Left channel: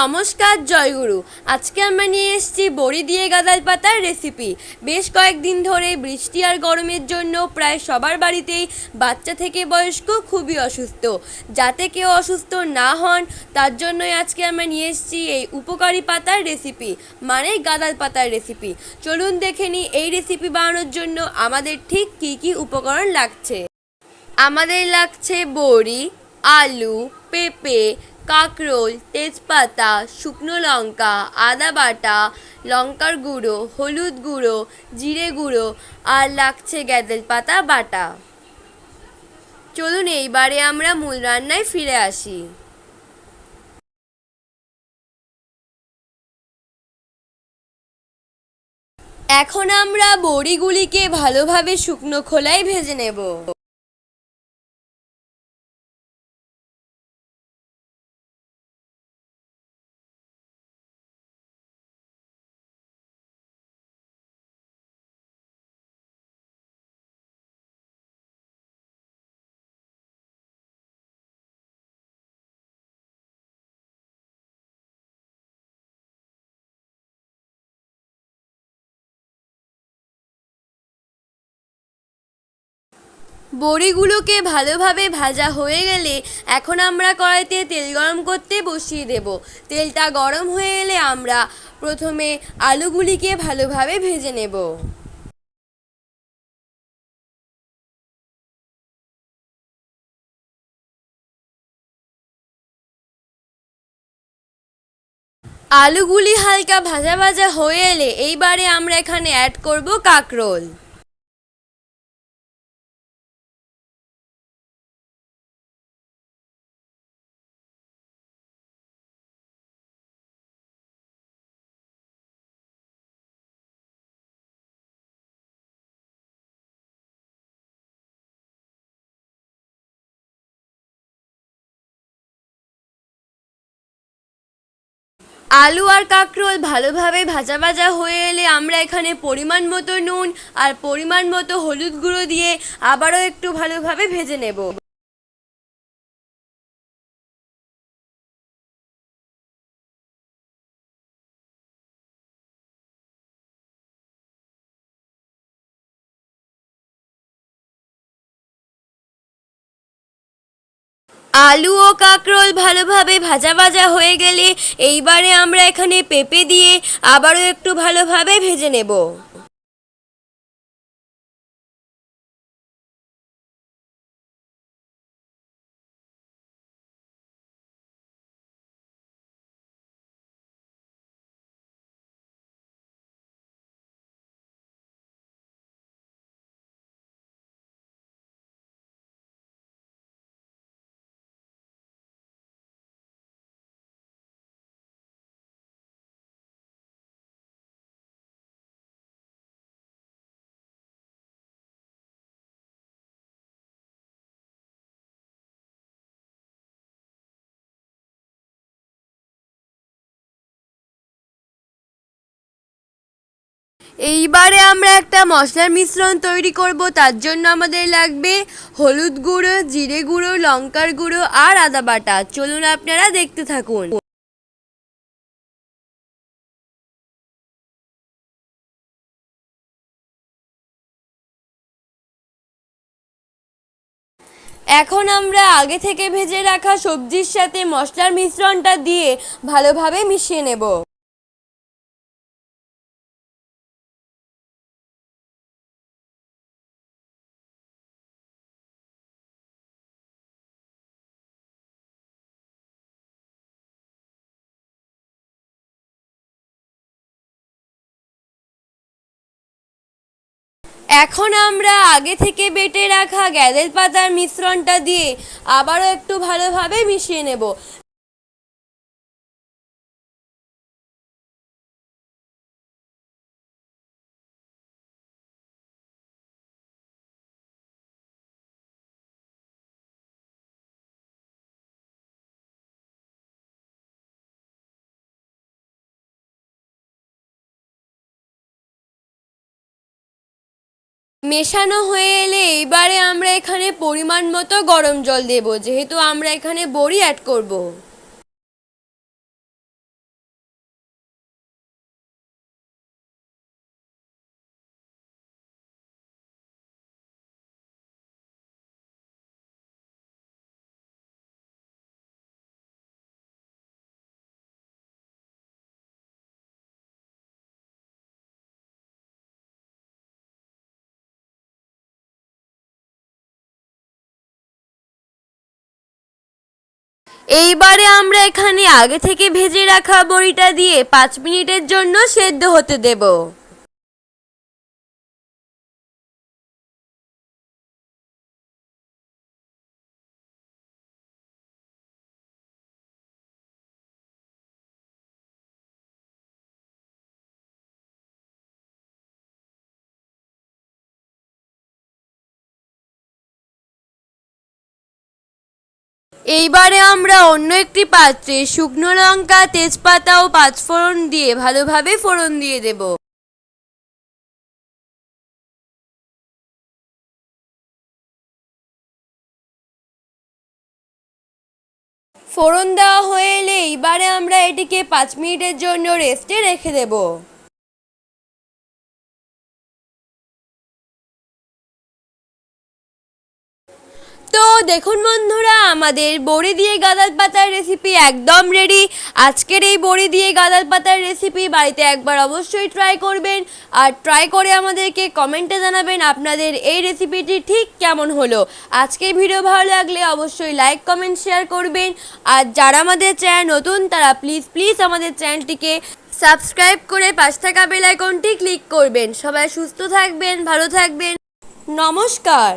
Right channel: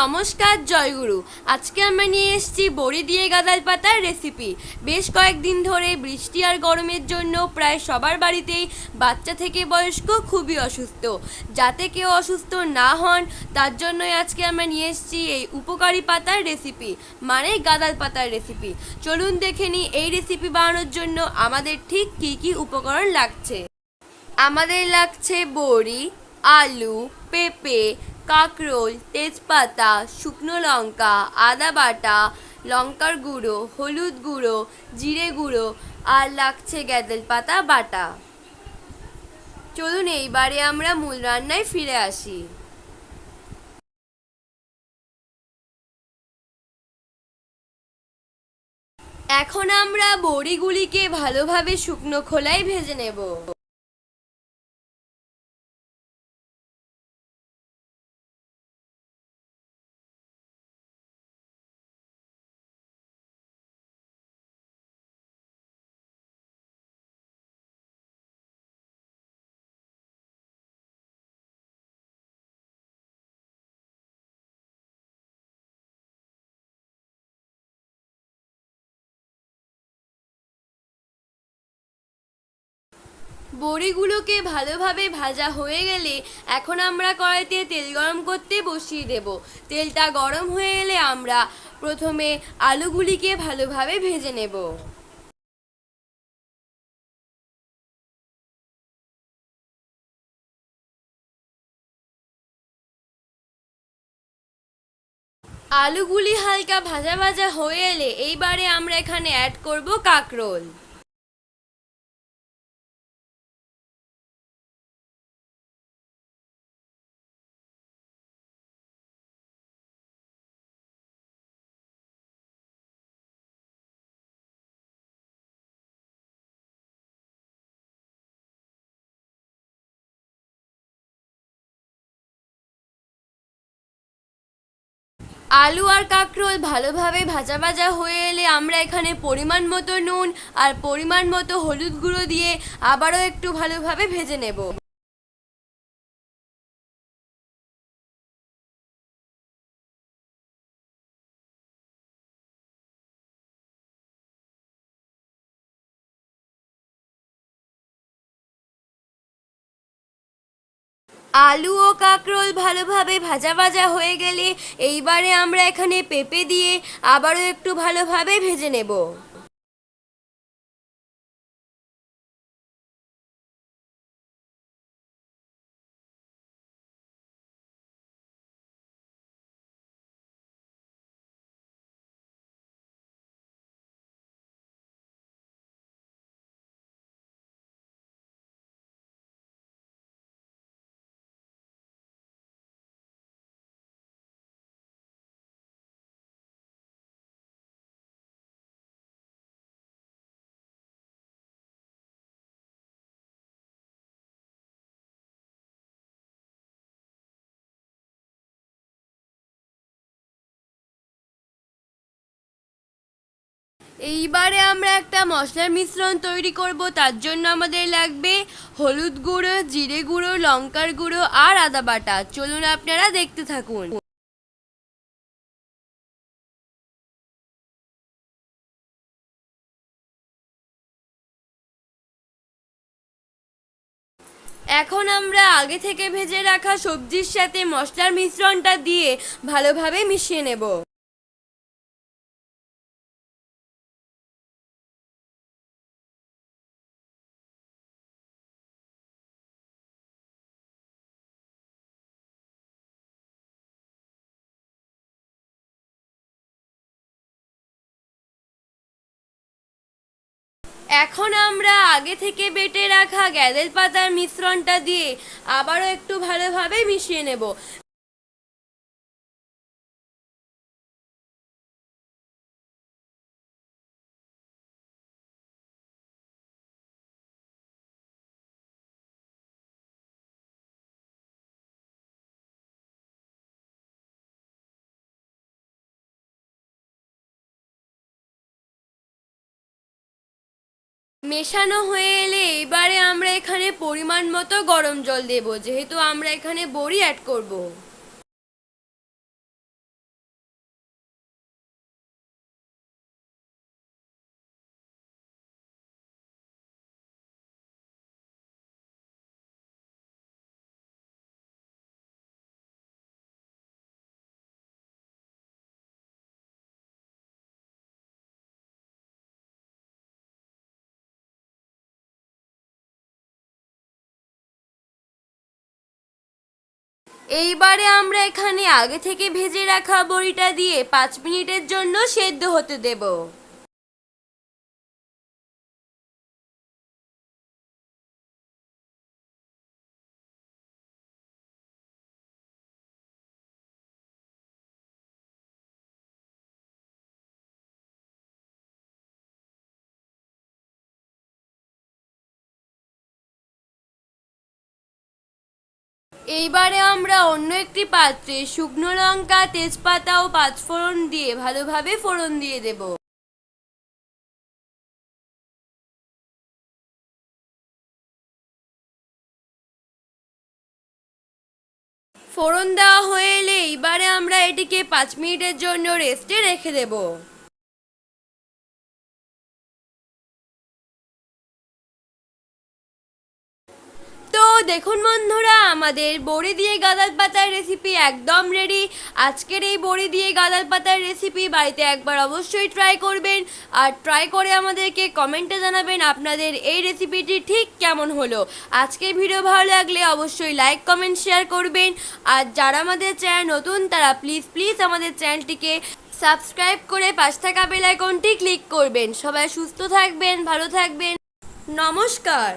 নমস্কার, জয়গুরু। আজকে আমরা নিয়ে এসেছি বড়ি দিয়ে গাদাল পাতার রেসিপি বেশ কয়েকদিন ধরে বৃষ্টি আর গরমের জন্য প্রায় সবার বাড়িতেই বাচ্চা থেকে বয়স্ক খুবই অসুস্থ। যাতে কেউ অসুস্থ না হন, তার জন্যই আজকে আমরা নিয়ে এসেছি এই উপকারী পাতার রেসিপি মানে গাদাল পাতার রেসিপি চলুন দেখে নিই এই রেসিপি বানানোর জন্য আমাদের ঠিক কী কী উপকরণ লাগছে। আমাদের লাগছে বড়ি, আলু, পেঁপে কাঁকরোল, তেজপাতা, শুকনো লঙ্কা, আদা বাটা, লঙ্কার গুঁড়ো, হলুদ গুঁড়ো, জিরে গুঁড়ো আর লাগছে গ্যাদেল পাতা বাটা। চলুন এইবারে আমরা মূল রান্নায় ফিরে আসি। এখন আমরা বড়িগুলিকে ভালোভাবে শুকনো খোলায় ভেজে নেব। বড়িগুলোকে ভালোভাবে ভাজা হয়ে গেলে এখন আমরা কড়াইতে তেল গরম করতে বসিয়ে দেব। তেলটা গরম হয়ে গেলে আমরা প্রথমে আলুগুলিকে ভালোভাবে ভেজে নেব। আলুগুলি হালকা ভাজা ভাজা হয়ে এলে এইবারে আমরা এখানে অ্যাড করব কাঁকরোল। আলু আর কাঁকরোল ভালোভাবে ভাজা ভাজা হয়ে এলে আমরা এখানে পরিমাণ মতো নুন আর পরিমাণ মতো হলুদ গুঁড়ো দিয়ে আবারও একটু ভালোভাবে ভেজে নেব। আলু ও কাঁকরোল ভালোভাবে ভাজা ভাজা হয়ে গেলে এইবারে আমরা এখানে পেঁপে দিয়ে আবারও একটু ভালোভাবে ভেজে নেব। এইবারে আমরা একটা মশলার মিশ্রণ তৈরি করব, তার জন্য আমাদের লাগবে হলুদ গুঁড়ো, জিরে গুঁড়ো, লঙ্কার গুঁড়ো আর আদা বাটা। চলুন আপনারা দেখতে থাকুন। এখন আমরা আগে থেকে ভেজে রাখা সবজির সাথে মশলার মিশ্রণটা দিয়ে ভালোভাবে মিশিয়ে নেব। এখন আমরা আগে থেকে বেটে রাখা গ্যাদেল পাতার মিশ্রণটা দিয়ে আবারও একটু ভালোভাবে মিশিয়ে নেব। মেশানো হয়ে এলে এইবারে আমরা এখানে পরিমাণ মতো গরম জল দেব, যেহেতু আমরা এখানে বড়ি অ্যাড করব। এইবারে আমরা এখানে আগে থেকে ভেজে রাখা বড়িটা দিয়ে পাঁচ মিনিটের জন্য সেদ্ধ হতে দেব। এইবারে আমরা অন্য একটি পাত্রে শুকনো লঙ্কা, তেজপাতা ও পাঁচফোড়ন দিয়ে ভালোভাবে ফোড়ন দিয়ে দেব। ফোড়ন দেওয়া হয়ে এলে এইবারে আমরা এটিকে পাঁচ মিনিটের জন্য রেস্টে রেখে দেবো। তো দেখুন বন্ধুরা, আমাদের বড়ি দিয়ে গাদাল পাতার রেসিপি একদম রেডি আজকের এই বড়ি দিয়ে গাদাল পাতার রেসিপি বাড়িতে একবার অবশ্যই ট্রাই করবেন। আর ট্রাই করে আমাদেরকে কমেন্টে জানাবেন আপনাদের এই রেসিপিটি ঠিক কেমন হলো। আজকে ভিডিও ভালো লাগলে অবশ্যই লাইক কমেন্ট শেয়ার করবেন। আর যারা আমাদের চ্যানেল নতুন, তারা প্লিজ প্লিজ আমাদের চ্যানেলটিকে সাবস্ক্রাইব করে পাশ থাকা বেল আইকনটি ক্লিক করবেন। সবাই সুস্থ থাকবেন, ভালো থাকবেন। নমস্কার।